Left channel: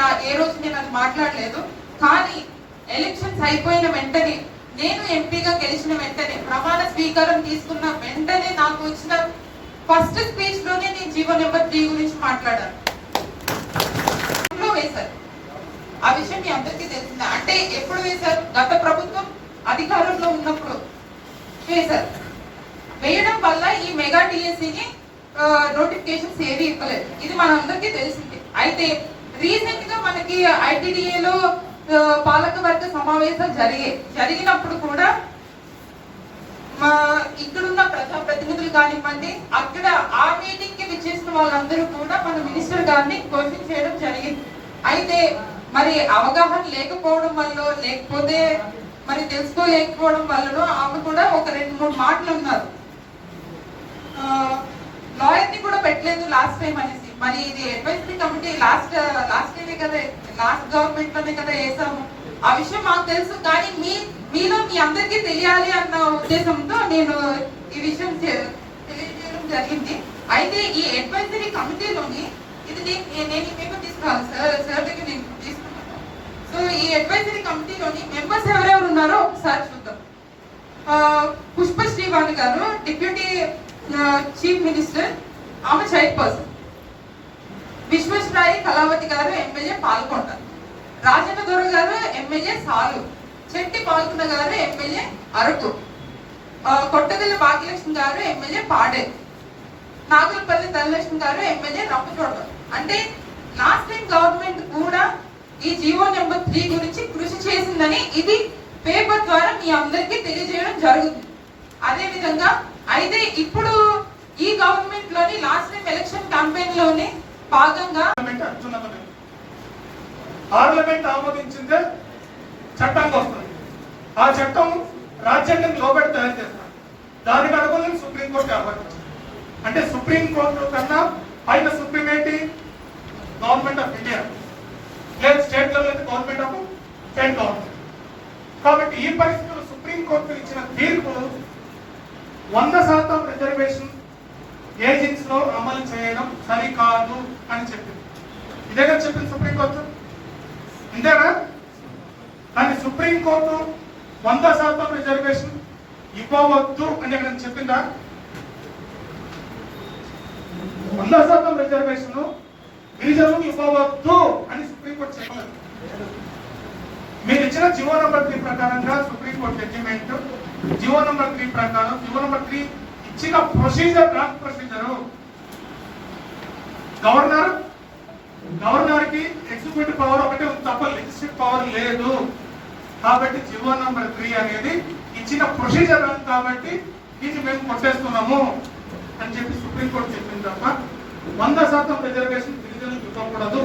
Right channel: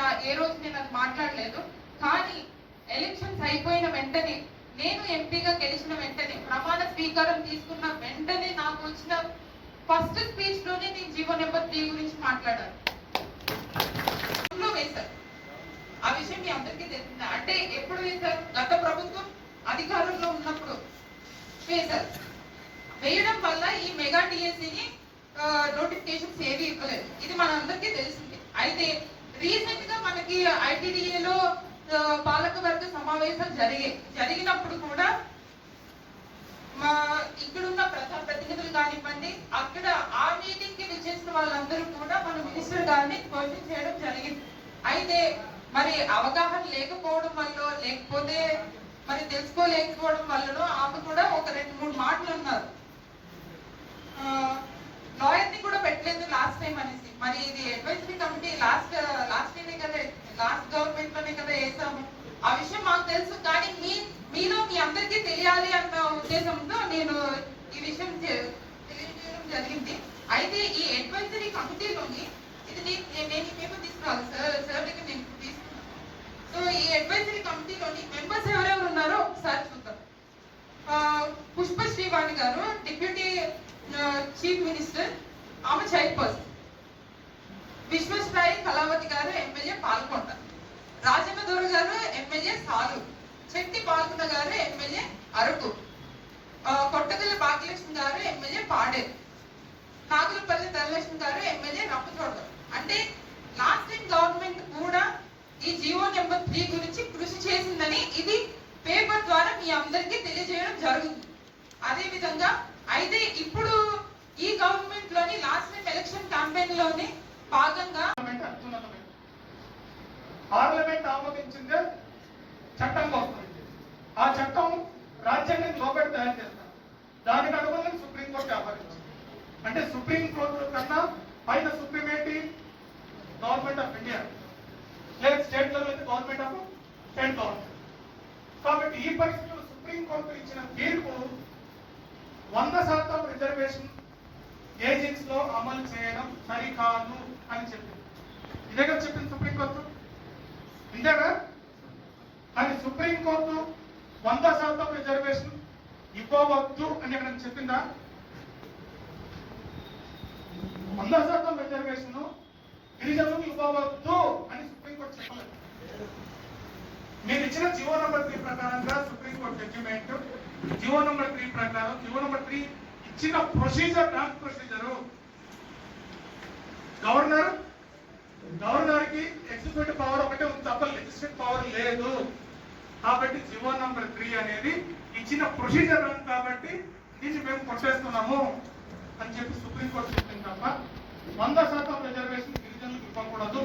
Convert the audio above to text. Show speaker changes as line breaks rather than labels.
నా ఏ రోజు నేను మాట్లాడలేదు. కానీ ఎలక్షన్స్ అయిపోయిన వెంటనే నేను ఎంపీగా గెలిచిన వెంటనే ప్రమాణ స్వీకారం తీసుకున్న వెంటనే నాకు వచ్చిన ఫస్ట్ స్పీచ్లోనే నేను జీవో నెంబర్ త్రీ గురించి మాట్లాడాను. లో వేశారు. ఆ విషయం మీ అందరికీ తెలిసిందా. అంటే ఎప్పుడు వేశారు? గత ప్రభుత్వం అధికారంలో ఉన్నప్పుడు వేశారు. వేయడం వల్ల ఈ మెగా టిఎస్సిని నోటిఫికేషన్స్ ఏవి ఇవ్వలేదు. ఇది మనందరికీ తెలిసింది. అయితే రీసెంట్గా మనకి ఐటీడీఏలో పాలకవర్గ సమావేశం జరిగే జరిగినప్పుడు కూడా మా ఇక్కడున్న ప్రతినిధులు కానివ్వండి అక్కడ ఆ మీటింగ్కి విచ్చేసిన వాళ్ళందరూ కూడా మన మినిస్టర్ గారిని క్వశ్చన్ చేయడం జరిగింది. అయితే మరి అవగాహన లేకపోవడం వల్ల లేకపోతే మరి తెలుసుకోలేకపోవడం వల్ల ఆమె కూడా ఒక రెండు మూడు మాటలు ఉన్నారు లాయర్ని కూడా పెట్టలేదు లాస్ట్ టైం అనేసి. మరి ఇది advisory committee last last year కదా లాస్ట్ గవర్నమెంట్లోనే కదా వేసాము. ఆ విషయం మాకు తెలుసు కానీ మీ మీలో మీ అందరికీ తెలియాలి అన్న ఉద్దేశంతో నేను ఈ విషయం తెలియజేయడం జరిగింది. అయితే ఈ అడ్వైజరీ కమిటీలోని ఇది నేను పేపర్ తీసుకురాను సార్ సార్ దగ్గర నేను తీసుకున్నాను సో ఈ అడ్వైజరీ కమిటీలోని మెంబర్స్ ఎవరెవరు ఉన్నారో ఒకసారి చూద్దాం. పుష్ప శ్రీవాణి గారు డిప్యూటీ చీఫ్ మినిస్టర్ ఆమె చైర్పర్సన్. విశ్వేశ్వరాయి కళావతి గారు ఎమ్మెల్యే పాల్గొంటారు రాజన్న దొర గారు ఎమ్మెల్యే సాలు. చెట్టి పాల్గొండ గారు ఎమ్మెల్యే అరకు. ఆ, భాగ్యలక్ష్మి గారు ఎమ్మెల్యే పాడేరు. నాగులపల్లి ధనలక్ష్మి గారు ఎమ్మెల్యే రంపచోడ అంటే లాస్ట్ టైం గవర్నమెంట్ కూడా ఈ జీవో నెంబర్ త్రీ గురించి కృషి చేసిందని ఇది పేపర్ ద్వారా మీ అందరికీ తెలియజేయడం జరుగుతుంది. అదే విధంగా అయితే ఇప్పుడు ఈ గవర్నమెంట్లోని లాస్ట్ టైం ఎలక్షన్ క్యాంపెయిన్లోనే భాగంగా
పార్లమెంట్ ఆమోదించిందే చట్టంగా వస్తుంది. ఆ చట్టం రాజ్యాంగం లోబడి తయారు చేస్తారు దానికి అనుగుణంగా సుప్రీంకోర్టు కాబట్టి అంటే సుప్రీంకోర్టు కన్నా పైన సుప్రీం ఏంటి? Government of India. లేదు స్టేట్ లెవెల్ అయితే గవర్నమెంట్ ఆఫ్ స్టేట్ గవర్నమెంట్. కాబట్టి ఈ పరిస్థితుల్లో సుప్రీంకోర్టు ఇచ్చిన తీర్పు వంద శాతం రిజర్వేషన్ ఏజెంట్స్లో అమలు చేయడం సరికాదు అని చెప్పింది. ఇదే కదా చెప్పింది సుప్రీంకోర్టు? ఇంతేనా? కానీ సుప్రీంకోర్టు వంద శాతం రిజర్వేషన్ ఇవ్వవద్దు అని నేను చెప్పిందా? వంద శాతం రిజర్వేషన్ గిరిజనులకు ఇవ్వవద్దు అని సుప్రీంకోర్టు చెప్పలేదు. మీరు ఇచ్చిన జివో నంబర్ త్రీ ప్రకారంగా supreme court judgement GO number three ప్రకారం జివో నంబర్ త్రీ ఇచ్చిన ప్రొసీజర్ డ్రాఫ్ట్ ప్రొసీజర్ గవర్నర్ గవర్నర్కి ఎగ్జిక్యూటివ్ పవర్ ఒకటే ఉంది తప్ప లెజిస్లేటివ్ పవర్ లేదు. కాబట్టి జీవో నంబర్ త్రీ అనేది ఇచ్చిన ప్రొసీజర్ కాబట్టి దీన్ని మేము కొట్టేస్తున్నాము అని చెప్పి సుప్రీంకోర్టు చెప్పింది తప్ప వంద శాతం రిజర్వేషన్ గిరిజనులకు ఇవ్వకూడదు.